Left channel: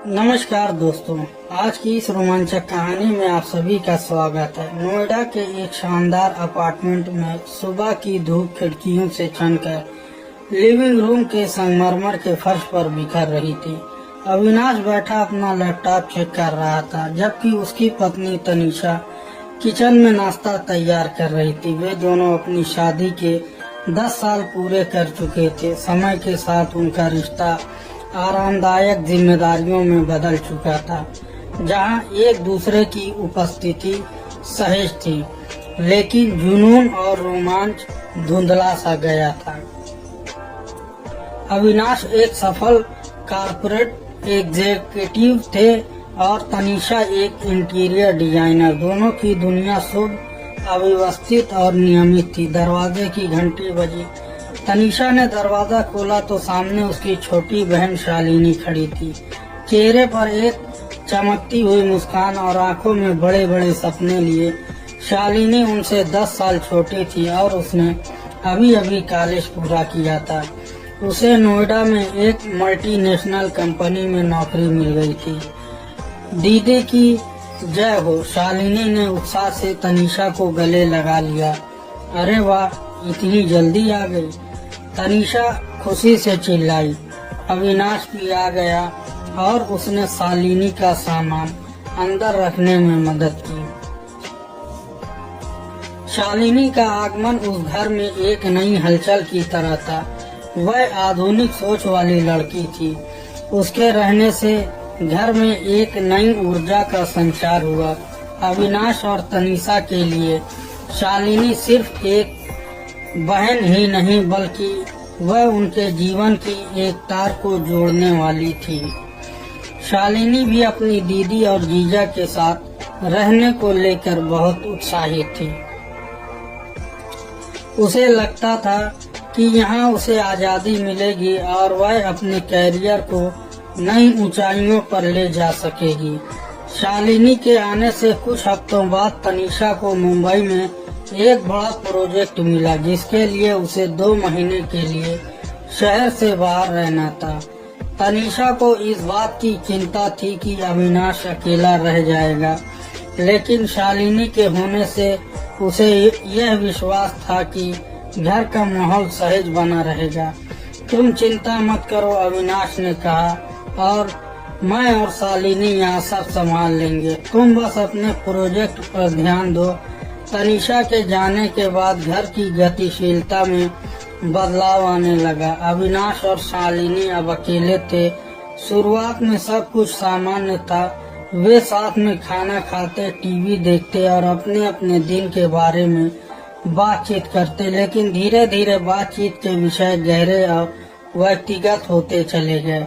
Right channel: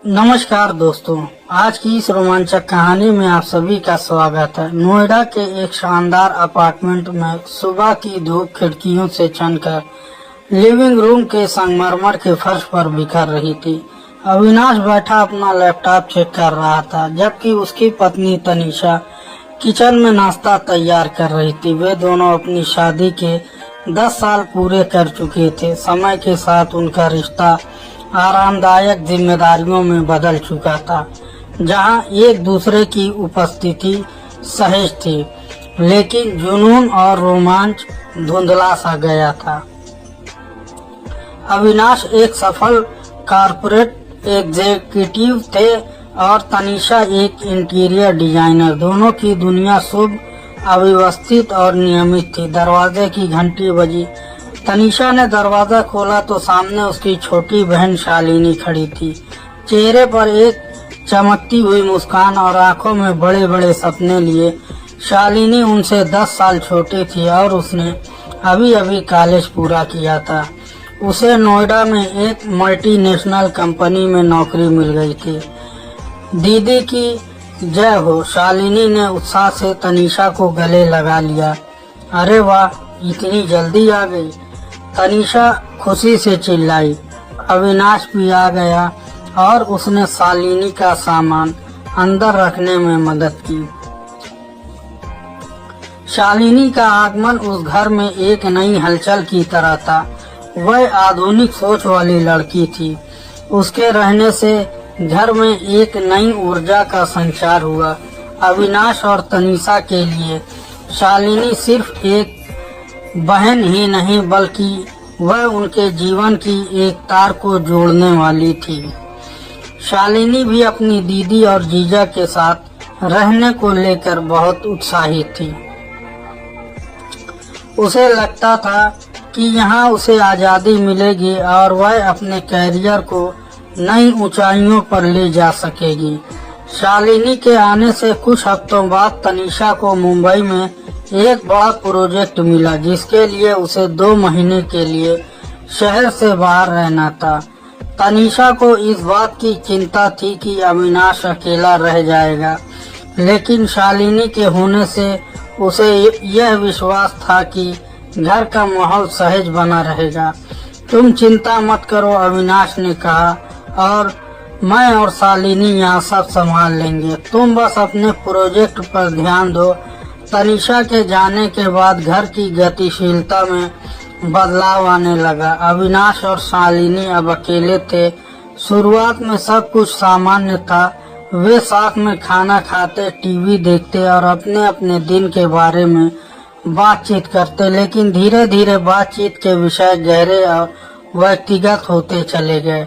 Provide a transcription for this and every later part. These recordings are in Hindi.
नमस्कार दोस्तों, आज की इस रोमांचक कहानी में आप सभी का स्वागत है। नोएडा के एक शानदार अपार्टमेंट में सुबह की धूप खिड़कियों से छनकर लिविंग रूम के संगमरमर के फर्श पर बिखर रही थी। अविनाश बैठा अपना लैपटॉप चेक कर रहा था, जबकि उसकी पत्नी तनीषा किचन में नाश्ता तैयार कर रही थी। वे दोनों अपनी शादी के 10 साल पूरे कर चुके थे। समय के साथ उनका रिश्ता आरामदायक जिम्मेदारियों में बदल चुका था, जहां एक दूसरे की उपस्थिति सहज थी, लेकिन जुनून और रोमांच धुंधला सा गया था। अविनाश एक सफल कॉर्पोरेट एग्जीक्यूटिव थे और तनीषा एक इंटीरियर डिजाइनर। दोनों की दुनिया शुभ, अव्यवस्थित और नियमित थी। दरवाजे की घंटी बजी। तनीषा ने दरवाजा खोला तो सामने उसकी छोटी बहन शालिनी खड़ी थी। चेहरे पर एक चमकती हुई मुस्कान और आंखों में बड़े बड़े सपने लिए। शालिनी उनसे 10 साल छोटी थी और उसने अभी अभी कॉलेज पूरा किया था। उसे नोएडा में एक मल्टीनेशनल कंपनी में नौकरी मिल गई थी। दीदी की जय हो, शालिनी ने उत्साह से तनीषा को गले लगा लिया। अरे वाह, इतनी जल्दी आ गई, तनीषा खुशी से चिल्लाई। अविनाश भी आ गया और उसने शालिनी का सामान अंदर रखने में मदद की। शालिनी का आगमन उस घर में एक नई हलचल की तरह था। वह आधुनिक सोच वाली लड़की थी। उसके रहने से घर में एक नई ऊर्जा का संचार हुआ। अविनाश और तनीषा के लिए शालिनी सिर्फ एक बहन ही नहीं, बल्कि वह उनके जीवन की एक तार को जोड़ने वाली थी। शालिनी भी अपनी दीदी और जीजा के साथ रहने को लेकर बहुत उत्साहित थी। उसे लगता था कि यहाँ उसे आजादी मिलेगी और वह अपने कैरियर को नई ऊंचाइयों पर ले जा सकेगी। शालिनी के आने से कुछ हफ्तों बाद तनीषा को मुंबई में एक बड़ा प्रोजेक्ट मिला, जिसके लिए उसे 2 महीने के लिए शहर से बाहर रहना था। तनीषा को इस बात की चिंता थी कि अविनाश अकेला रह जाएगा, लेकिन शालिनी के होने से उसे यह विश्वास था कि घर का माहौल सहज बना रहेगा। तुम चिंता मत करो, अविनाश ने कहा, और मैं और शालिनी यहाँ सब संभाल लेंगे। तुम बस अपने प्रोजेक्ट पर ध्यान दो। तनीषा के जाने के बाद घर की गतिशीलता में बदलाव आने लगा। अविनाश और शालिनी अब अकेले थे। शुरुआत में सब कुछ सामान्य था। वे साथ में खाना खाते, टीवी देखते और अपने अपने दिन के बारे में बातचीत करते, लेकिन धीरे धीरे बातचीत के विषय गहरे और व्यक्तिगत होते चले गए।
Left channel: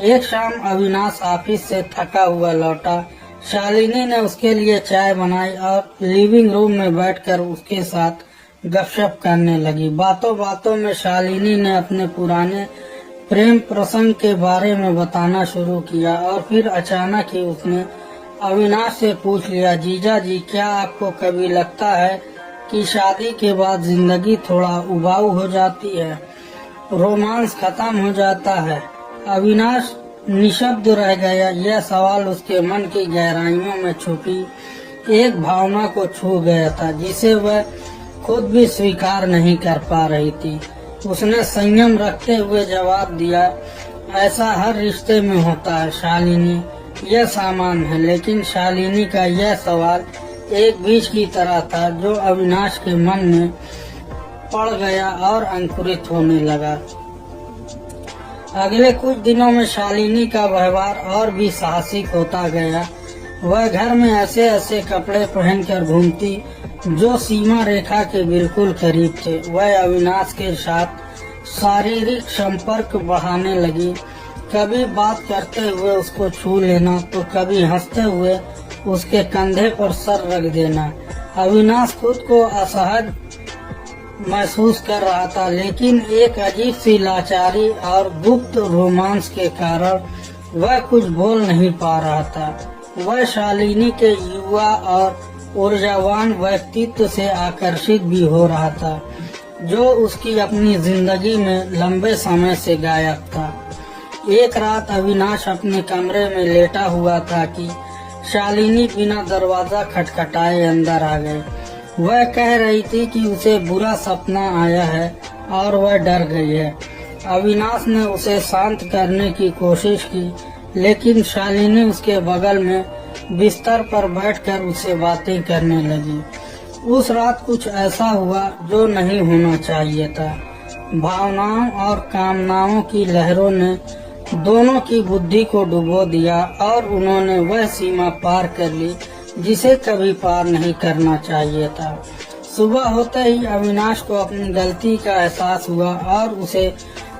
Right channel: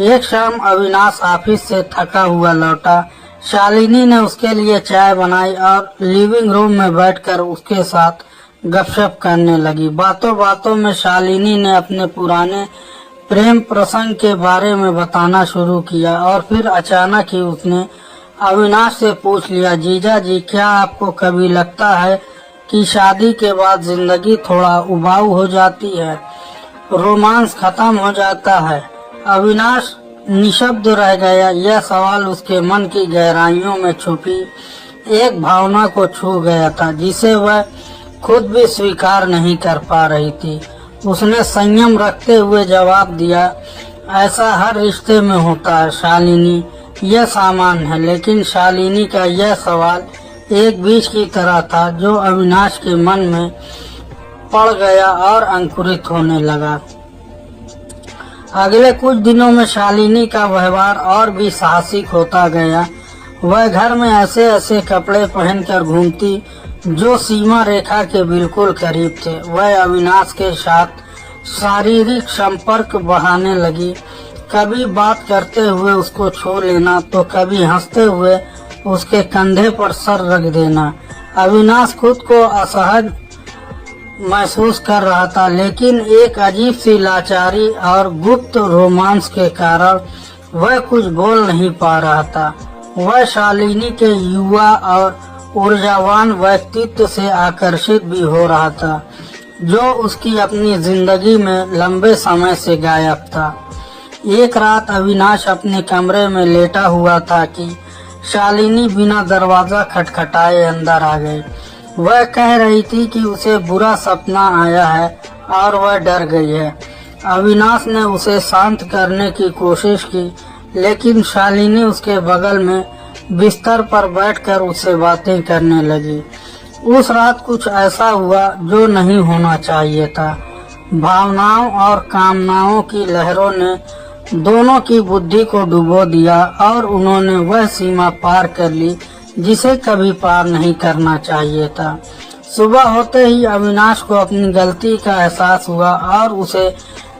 एक शाम अविनाश ऑफिस से थका हुआ लौटा। शालिनी ने उसके लिए चाय बनाई और लिविंग रूम में बैठकर उसके साथ गपशप करने लगी। बातों बातों में शालिनी ने अपने पुराने प्रेम प्रसंग के बारे में बताना शुरू किया और फिर अचानक ही उसने अविनाश से पूछ लिया, जीजा जी, क्या आपको कभी लगता है कि शादी के बाद जिंदगी थोड़ा उबाऊ हो जाती है, रोमांस खत्म हो जाता है? अविनाश निशब्द रह गया। यह सवाल उसके मन की गहराइयों में छुपी एक भावना को छू गया था, जिसे वह खुद भी स्वीकार नहीं कर पा रही थी। उसने संयम रखते हुए जवाब दिया, ऐसा हर रिश्ते में होता है शालिनी, यह सामान्य है। लेकिन शालिनी का यह सवाल एक बीज की तरह था जो अविनाश के मन में पड़ गया और अंकुरित होने लगा। अगले कुछ दिनों में शालिनी का व्यवहार और भी साहसिक होता गया। वह घर में ऐसे ऐसे कपड़े पहनकर घूमती जो सीमा रेखा के बिल्कुल करीब थे। वह अविनाश के साथ शारीरिक संपर्क बढ़ाने लगी। कभी बात करते हुए उसको छू लेना तो कभी हंसते हुए उसके कंधे पर सर रख देना। अविनाश खुद को असहज महसूस कर रहा था, लेकिन एक अजीब सी लाचारी और गुप्त रोमांस के कारण वह कुछ बोल नहीं पा रहा था। वह शालिनी के युवा और ऊर्जावान व्यक्तित्व से आकर्षित भी हो रहा था, जो उसकी अपनी जिंदगी में लंबे समय से गायब था। एक रात अविनाश अपने कमरे में लेटा हुआ था कि शालिनी बिना दरवाजा खटखटाए अंदर आ गई। वह कह रही थी कि उसे बुरा सपना आया है और वह डर गई है। अविनाश ने उसे शांत करने की कोशिश की, लेकिन शालिनी उसके बगल में बिस्तर पर बैठकर उससे बातें करने लगी। उस रात कुछ ऐसा हुआ जो नहीं होना चाहिए था। भावनाओं और कामनाओं की लहरों ने दोनों की बुद्धि को डुबो दिया और उन्होंने वह सीमा पार कर ली जिसे कभी पार नहीं करना चाहिए था। सुबह होते ही अविनाश को अपनी गलती का एहसास हुआ और उसे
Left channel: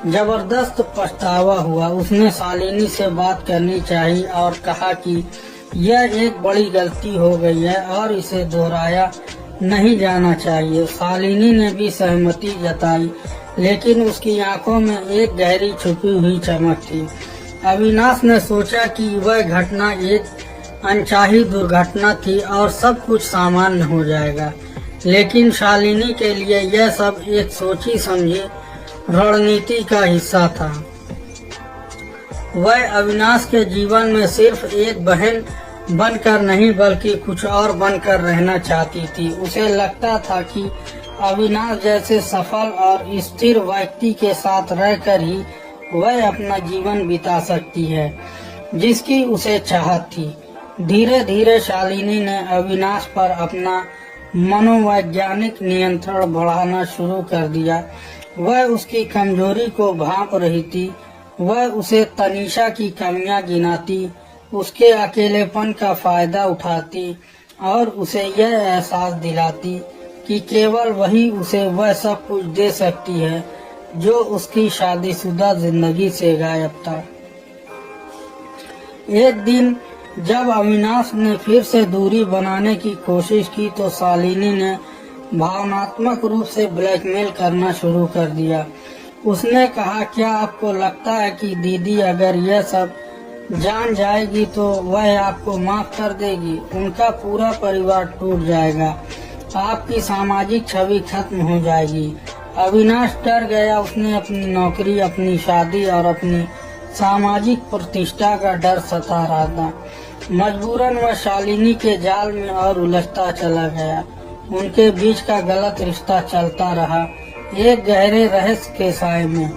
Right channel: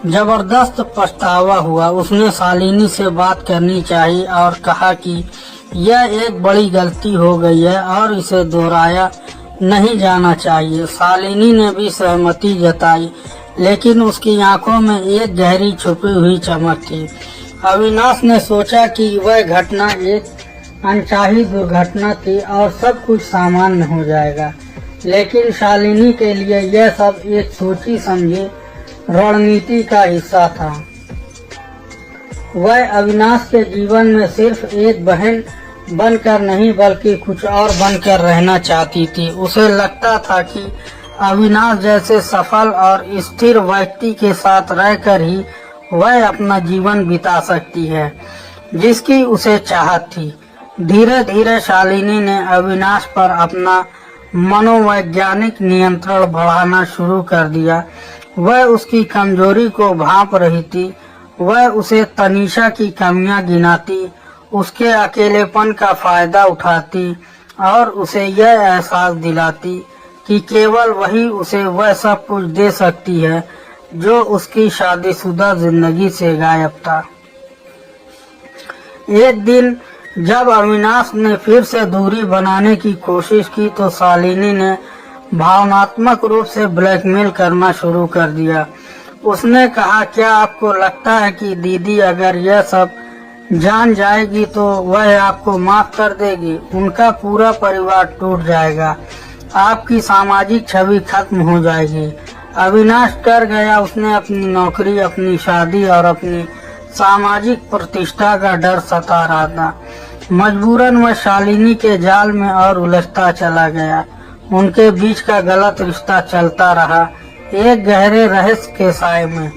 जबरदस्त पछतावा हुआ। उसने शालिनी से बात करनी चाहिए और कहा कि यह एक बड़ी गलती हो गई है और इसे दोहराया नहीं जाना चाहिए। शालिनी ने भी सहमति जताई, लेकिन उसकी आंखों में एक गहरी छुपी हुई चमक थी। अविनाश ने सोचा कि वह घटना एक अनचाही दुर्घटना थी और सब कुछ सामान्य हो जाएगा, लेकिन शालिनी के लिए यह सब एक सोची समझी रणनीति का हिस्सा था। वह अविनाश के जीवन में सिर्फ एक बहन बनकर नहीं बल्कि कुछ और बनकर रहना चाहती थी। उसे लगता था कि अविनाश जैसे सफल और स्थिर व्यक्ति के साथ रहकर ही वह अपना जीवन बिता सकती है जिसकी उसे चाहत थी। धीरे धीरे शालिनी ने अविनाश पर अपना मनोवैज्ञानिक नियंत्रण बढ़ाना शुरू कर दिया। वह उसकी कमजोरी को भांप रही थी। वह उसे तनीषा की कमियां गिनाती, उसके अकेलेपन का फायदा उठाती और उसे यह एहसास दिलाती कि केवल वही उसे वह सब कुछ दे सकती है जो उसकी शादीशुदा जिंदगी से गायब था। एक दिन जब अविनाश ने फिर से दूरी बनाने की कोशिश की तो शालिनी ने भावनात्मक रूप से ब्लैकमेल करना शुरू कर दिया। उसने कहा, क्या आपको लगता है कि दीदी अगर यह सब जान जाएगी तो वह आपको माफ कर देगी? उनका पूरा परिवार टूट जाएगा, आपकी सामाजिक छवि खत्म हो जाएगी। अविनाश डर गया। उसने अपनी नौकरी, अपनी शादी और अपनी सामाजिक प्रतिष्ठा का डर सता रहा था। मजबूरन वह शालिनी के जाल में और उलझता चला गया। उनके बीच का गलत रिश्ता चलता रहा, एक गहरे रहस्य के साए में।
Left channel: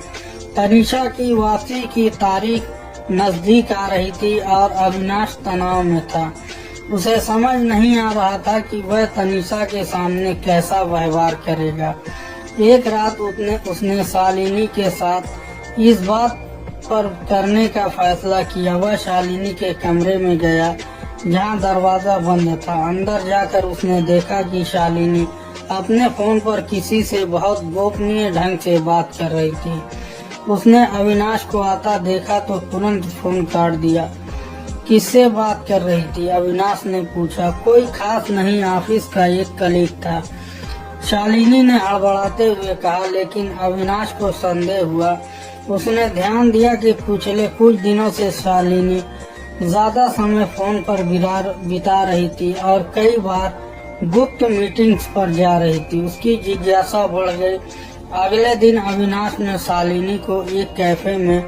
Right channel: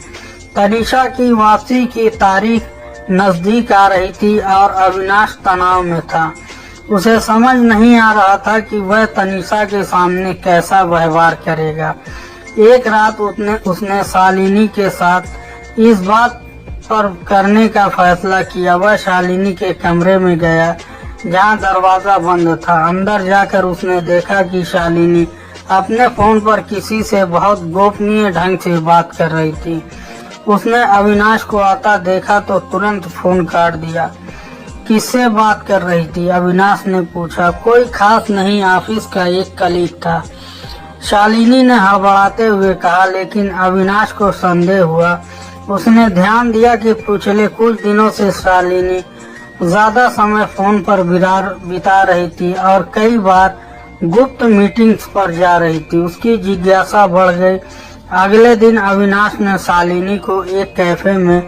तनीषा की वापसी की तारीख नजदीक आ रही थी और अविनाश तनाव में था। उसे समझ नहीं आ रहा था कि वह तनीषा के सामने कैसा व्यवहार करेगा। एक रात उसने शालिनी के साथ इस बात पर करने का फैसला किया। वह शालिनी के कमरे में गया जहां दरवाजा बंद था। अंदर जाकर उसने देखा कि शालिनी अपने फोन पर किसी से बहुत गोपनीय ढंग से बात कर रही थी। उसने अविनाश को आता देखा तो तुरंत फोन काट दिया। किससे बात कर रही थी? अविनाश ने पूछा। कोई खास नहीं, ऑफिस का एक कलीग था, शालिनी ने हड़बड़ाते हुए कहा। लेकिन अविनाश को संदेह हुआ। उसने ध्यान दिया कि पिछले कुछ दिनों से शालिनी ज्यादा समय फोन पर बिता रही थी और कई बार गुप्त मीटिंग्स पर जा रही थी। उसकी जिज्ञासा बढ़ गई। अगले दिन अविनाश ने शालिनी को एक कैफे में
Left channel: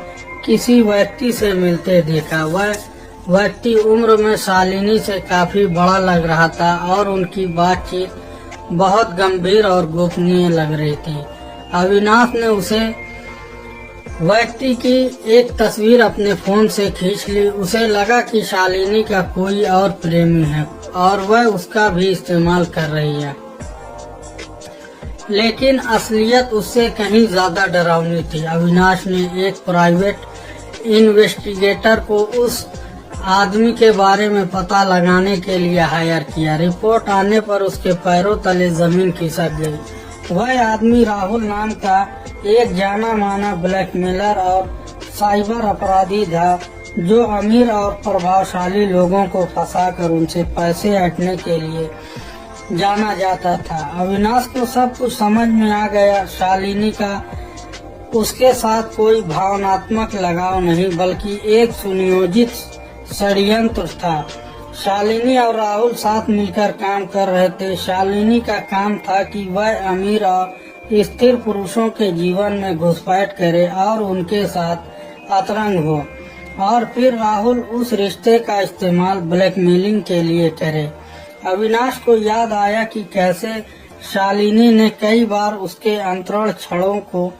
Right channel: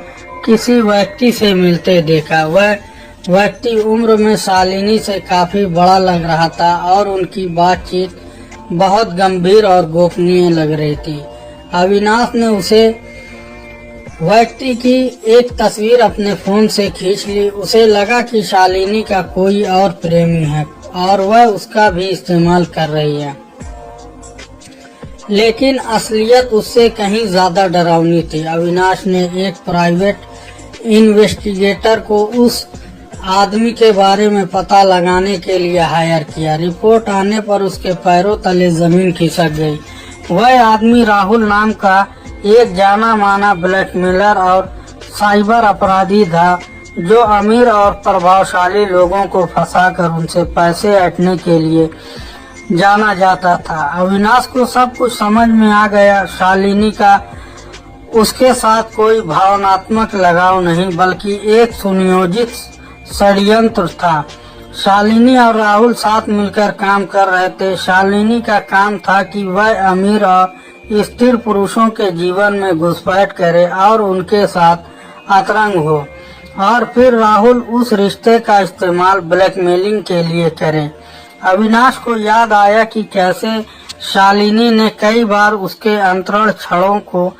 किसी व्यक्ति से मिलते देखा। वह व्यक्ति उम्र में शालिनी से काफी बड़ा लग रहा था और उनकी बातचीत बहुत गंभीर और गोपनीय लग रही थी। अविनाश ने उसे व्यक्ति की एक तस्वीर अपने फोन से खींच ली। उसे लगा कि शालिनी का कोई और प्रेमी है और वह उसका भी इस्तेमाल कर रही है, लेकिन असलियत उससे कहीं ज्यादा डरावनी थी। अविनाश ने एक प्राइवेट इन्वेस्टिगेटर को उस आदमी के बारे में पता लगाने के लिए हायर किया। रिपोर्ट आने पर उसके पैरों तले जमीन खिसक गई। वह आदमी राहुल नाम का एक जाना माना ब्लैकमेलर और साइबर अपराधी था, जो अमीर और प्रभावशाली लोगों को फंसाकर उनसे पैसे ऐंठने के लिए जाना जाता था। अविनाश को सब कुछ समझ में आ गया। शालिनी का उसके साथ कोई भावनात्मक लगाव नहीं बल्कि एक सुनियोजित षड्यंत्र था। शालिनी और राहुल साथ मिलकर काम कर रहे थे। शालिनी का काम था कि वह अमीर और स्थिर पुरुषों के जीवन में घुसपैठ करे और उनके साथ अतरंग हो और फिर राहुल उस रिश्ते का इस्तेमाल ब्लैकमेलिंग के लिए करे। अविनाश को याद आया कि कैसे शालिनी ने कई बार उसके अंतरण क्षणों को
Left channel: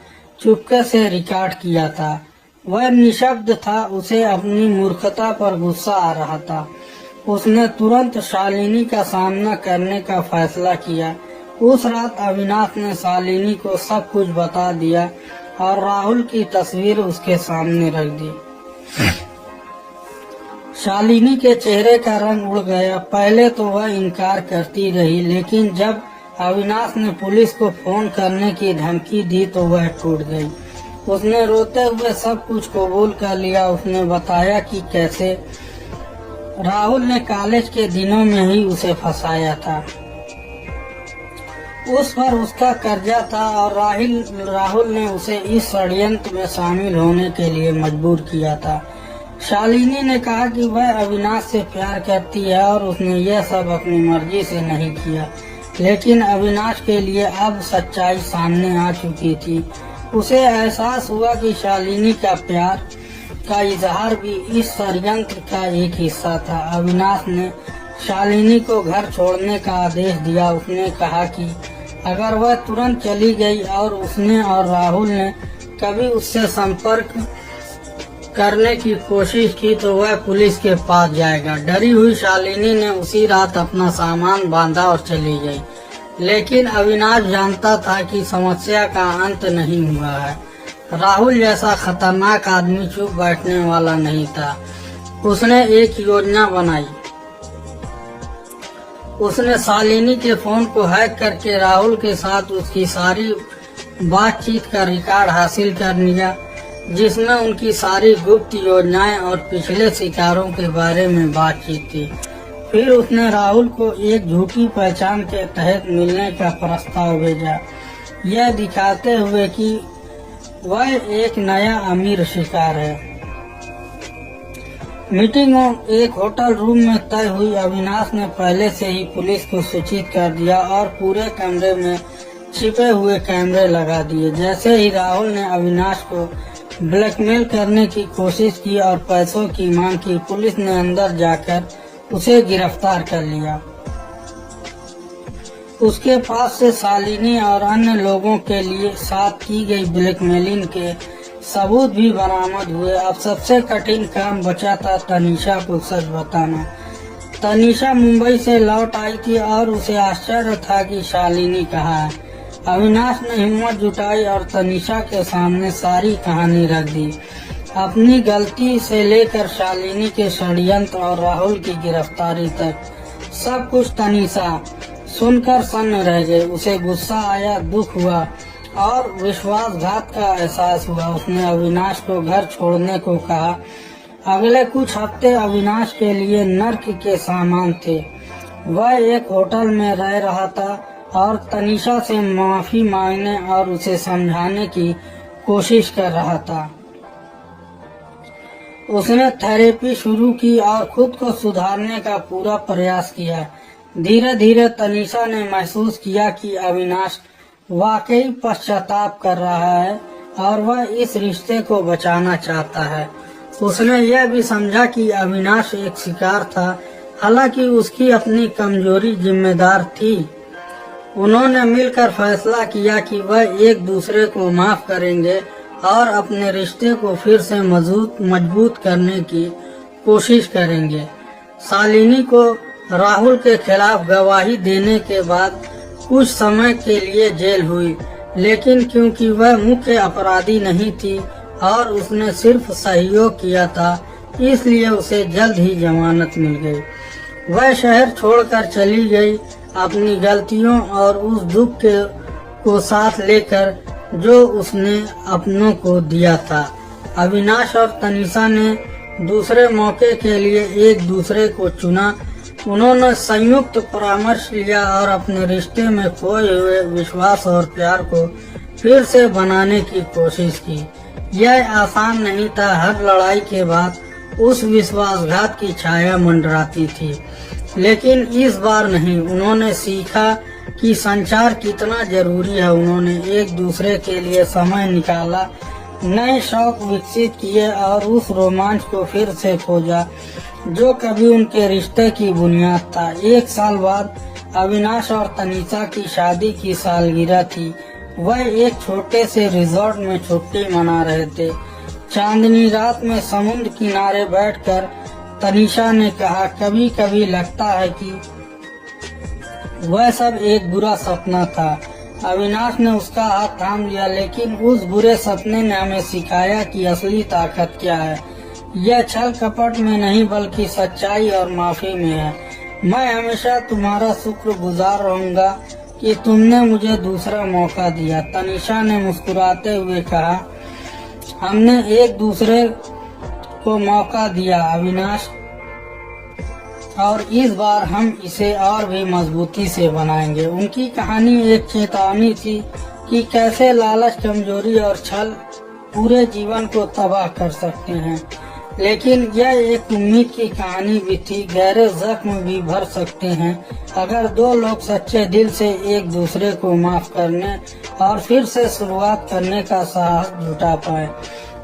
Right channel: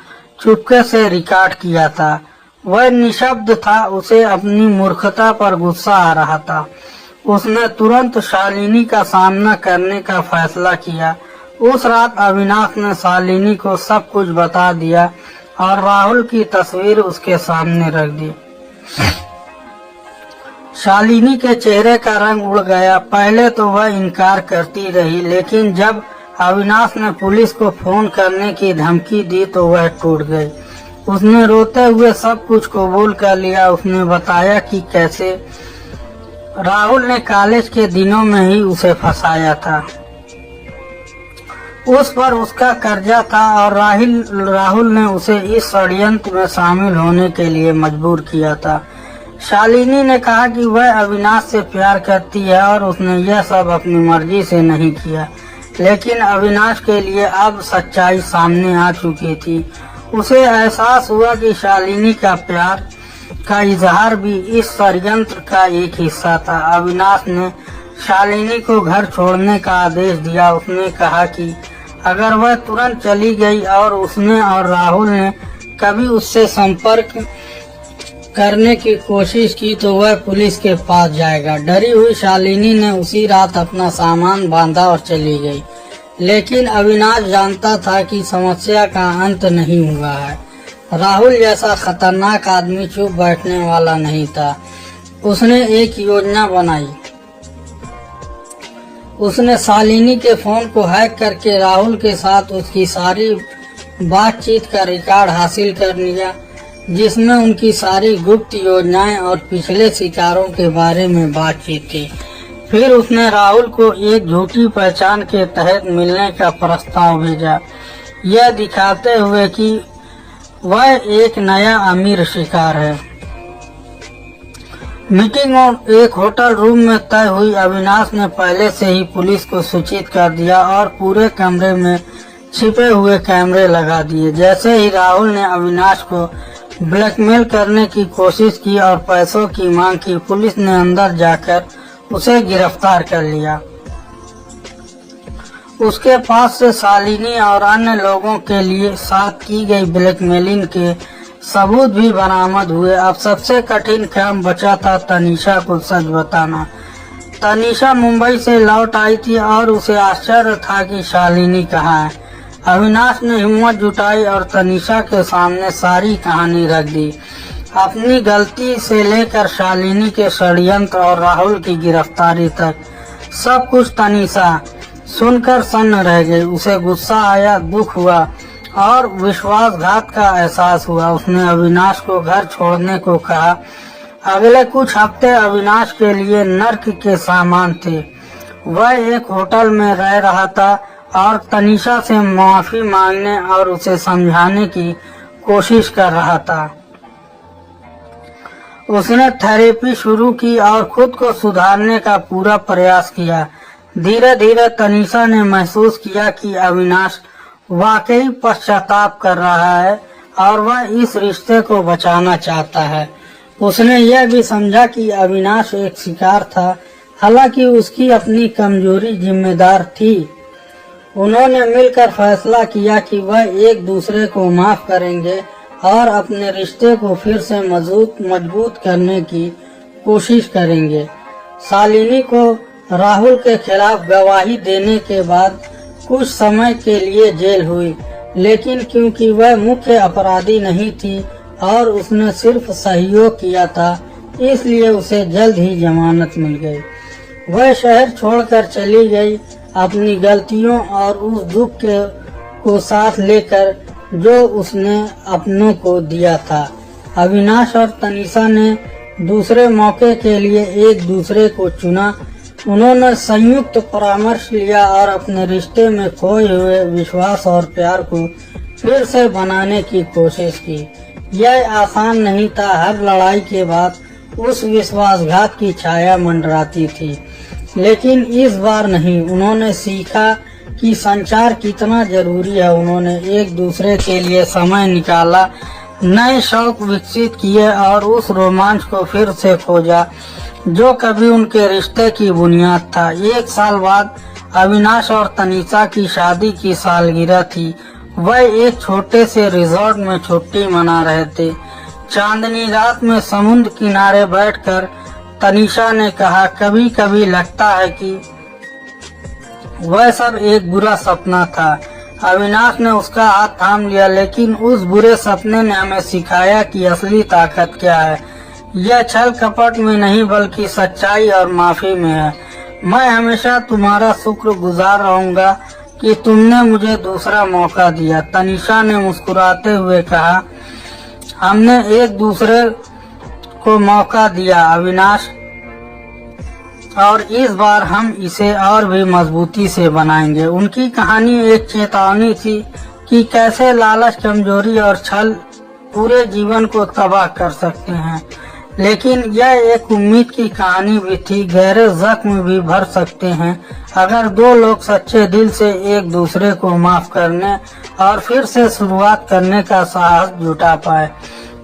चुपके से रिकॉर्ड किया था। वह निशब्द था, उसे अपनी मूर्खता पर गुस्सा आ रहा था। उसने तुरंत शालिनी का सामना करने का फैसला किया। उस रात अविनाश ने शालिनी को सब कुछ बता दिया और राहुल की तस्वीर उसके सामने रख दी। शालिनी के चेहरे का रंग उड़ गया। पहले तो वह इनकार करती रही, लेकिन जब अविनाश ने पुलिस को फोन करने की धमकी दी तो वह टूट गई। उसने रोते हुए सब कुछ कबूल कर लिया। उसने बताया कि कैसे राहुल ने कॉलेज के दिनों में ही उसे फंसाया था, उस पर उसका कर्जा था और राहुल ने उसे इस षड्यंत्र में शामिल होने के लिए मजबूर किया था। शालिनी ने कहा कि वह अविनाश से प्यार करती है और उसने यह सब अपनी मर्जी से नहीं किया, लेकिन अविनाश के लिए अब सच्चाई सामने आ चुकी थी। उसे एहसास हुआ कि शालिनी का प्यार का इजहार भी इस षड्यंत्र का एक हिस्सा था। अविनाश ने शालिनी को घर छोड़ने का आदेश दिया। उसने कहा कि अगर वह तुरंत चली गई और उसने और राहुल ने कभी उससे संपर्क करने की कोशिश की तो वह पुलिस के पास जाएगा। डरी हुई शालिनी ने उसी रात अपना सामान बांधा और चली गई, लेकिन अविनाश जानता था कि समस्या का अंत नहीं हुआ है। राहुल जैसा खतरनाक आदमी चुप बैठने वाला नहीं था। उसने एक योजना बनाई। उसने शालिनी के फोन को हैक करके राहुल के साथ उसकी सारी बातचीत का रिकॉर्ड हासिल कर लिया, जिसमें उनकी सारी गुप्त योजनाएं और पिछले शिकारों के बारे में बातचीत थी। फिर उसने राहुल को एक झूठी पहचान के तहत मिलने का प्रस्ताव भेजा, यह दिखाते हुए कि वह एक नया अमीर शिकार है। मीटिंग एक होटल रूम में तय हुई। अविनाश ने पहले से ही पुलिस को सूचित कर दिया और पूरे कमरे में छिपे हुए कैमरे लगा दिए। जैसे ही राहुल ने अविनाश को ब्लैकमेल करने की कोशिश की और पैसों की मांग की, पुलिस ने अंदर जाकर उसे गिरफ्तार कर लिया। उसके पास से शालिनी और अन्य लोगों के लिए साथ की गई ब्लैकमेलिंग के सबूत भी बरामद हुए। अब सबसे कठिन काम बचा था तनीषा को सच बताना। तनीषा मुंबई से लौट आई थी और उसे आश्चर्य था कि शालिनी कहाँ है। अविनाश ने हिम्मत जुटाई और तनीषा के सामने सारी कहानी रख दी, अपनी गलती से लेकर शालिनी के षड्यंत्र और राहुल की गिरफ्तारी तक। सब कुछ तनीषा सुनकर सन्न रह गई। उसे गुस्सा आया, दुख हुआ और विश्वासघात का एहसास हुआ। उसने अविनाश को घर छोड़ने को कहा। अगले कुछ हफ्ते अविनाश के लिए नर्क के सामान थे। वह एक होटल में रह रहा था और तनीषा से माफी मांगने और उसे समझाने की कोशिश कर रहा था। उसने थेरेपी शुरू की और खुद को सुधारने का पूरा प्रयास किया। धीरे धीरे तनीषा ने महसूस किया कि अविनाश वाकई पश्चाताप कर रहा है और वह इस रिश्ते को बचाना चाहता है। उसने यह भी समझा कि अविनाश एक शिकार था, हालांकि उसकी अपनी कमजोरी जिम्मेदार थी। उन्होंने मिलकर फैसला किया कि वह एक दूसरे को माफ करेंगे और अपने रिश्ते को फिर से मजबूत करने की कोशिश करेंगे। शालिनी को राहुल के खिलाफ गवाही देने के बाद कुछ समय के लिए जेल हुई, लेकिन क्योंकि वह मुख्य अपराधी नहीं थी और उसने सिर्फ सहयोग किया था, इसलिए उसे जल्द ही जमानत मिल गई। वह शहर छोड़कर चली गई, अपनी गलतियों और उस दुख को साथ लेकर जो उसने अपनों को दिया था। अविनाश और तनीषा ने दूसरे मौके के लिए एक दूसरे को चुना। उन्होंने संयुक्त परामर्श लिया और अपने रिश्ते में खोए हुए विश्वास और प्यार को फिर से बनाने की कोशिश की। यह आसान नहीं था। हर लड़ाई के बाद उस विश्वासघात की छाया मंडराती थी, लेकिन इस बार नहीं। उन्होंने सीखा कि संचार कितना जरूरी है। उन्होंने एक दूसरे के लिए समय निकाला, नए शौक विकसित किए और उस रोमांच को फिर से खोजा जो कभी उनके रिश्ते की बुनियाद था। 1 साल बाद अविनाश और तनीषा की शादी की सालगिरह थी। वह एक छोटे से रिजॉर्ट में छुट्टी मना रहे थे। चांदनी रात में समुद्र किनारे बैठकर तनीषा ने कहा, कभी कभी लगता है कि वह सब एक बुरा सपना था। अविनाश ने उसका हाथ थाम लिया, लेकिन उस बुरे सपने ने हमें सिखाया कि असली ताकत क्या है। यह छल कपट में नहीं बल्कि सच्चाई और माफी में है। मैं हमेशा तुम्हारा शुक्रगुजार रहूंगा कि तुमने मुझे दूसरा मौका दिया। तनीषा ने मुस्कुराते हुए कहा, हमने एक दूसरे को मौका दिया अविनाश, और इस बार हम इसे और भी मजबूती से बनाएंगे। उनकी कहानी एक चेतावनी थी कि कैसे लालच, कमजोरी और छल पूरे जीवन को तबाह कर सकते हैं, लेकिन यह एक उम्मीद की कहानी भी थी। गहरे जख्म भी भर सकते हैं अगर दो लोग सच्चे दिल से एक दूसरे को माफ करने और फिर से शुरुआत करने का साहस जुटा पाए।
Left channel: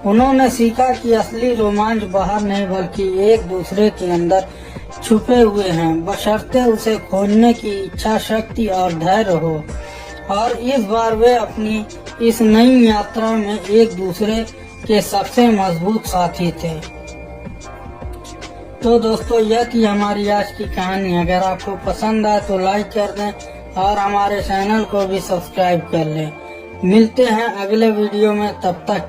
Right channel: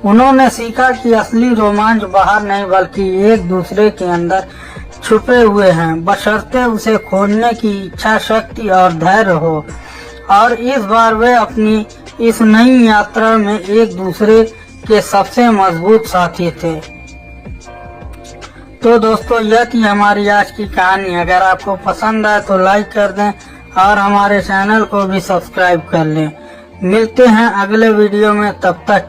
उन्होंने सीखा कि असली रोमांच बाहर नहीं बल्कि एक दूसरे के अंदर छुपे हुए हैं, बशर्ते उसे खोजने की इच्छा शक्ति और धैर्य हो। और इस बार वे अपनी इस नई यात्रा में एक दूसरे के सबसे मजबूत साथी थे। तो दोस्तों, यह थी हमारी आज की कहानी। अगर आपको पसंद आए तो लाइक कर दें और हमारे चैनल को भी सब्सक्राइब कर लें। मिलते हैं अगले वीडियो में, तब तक